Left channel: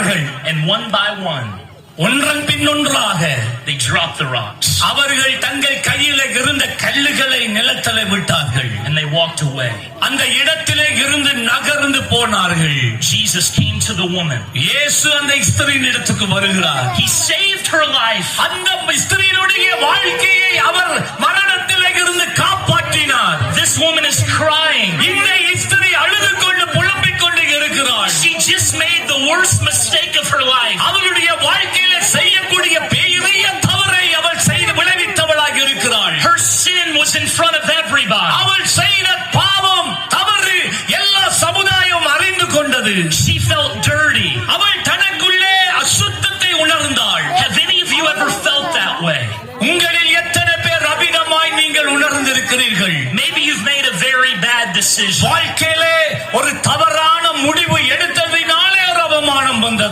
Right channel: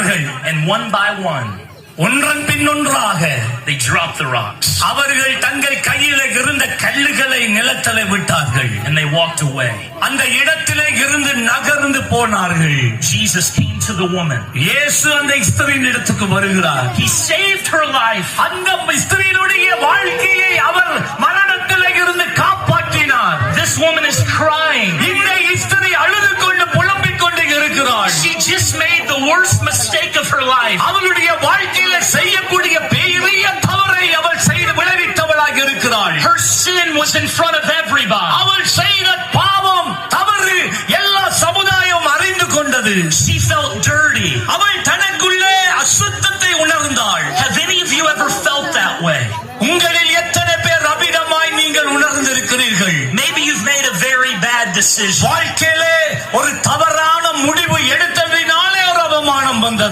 And one by one, ஒன்றன் பின் ஒன்றாக they dropped the rocks. அவர்கள் தங்கள் கையில இருந்த கல்லுகளை நிலத்திலே விட்டார்கள். And they walked away. அந்த இடத்திலே இருந்து நகர்ந்து போனார்கள். Jesus came to the woman. இயேசு அந்த ஸ்திரீயின் இடத்துக்கு வருகிறார். He saved her life. அந்த ஸ்திரீயினுடைய வாழ்க்கையை அவர் மரணத்திலே இருந்து காப்பாற்றினார். This woman is crying. இந்த ஸ்திரீ அழுது கொண்டு புலம்பிக் கொண்டு இருக்கிறாள். She just made the worst mistake of her life. அவளுடைய வாழ்க்கையில செய்யக்கூடிய பெரிய தவறை அவள் செய்து விளைவித்தவளாக இருக்கிறாள். Her sin was in front of everybody. அவள் செய்த பாவம் தவறு எல்லா சமுதாயம் அறிந்து கொண்டது. She felt dirty. அவள் தனக்குள்ளே அசுத்தத்தை உணர்ந்தாள். Have any of you ever felt that way? உங்களில் எத்தனை பேர் அபிடமாய் நீங்கள் உணர்ந்திருக்கிறீர்கள்? Maybe you've made a very bad decision. வாழ்க்கை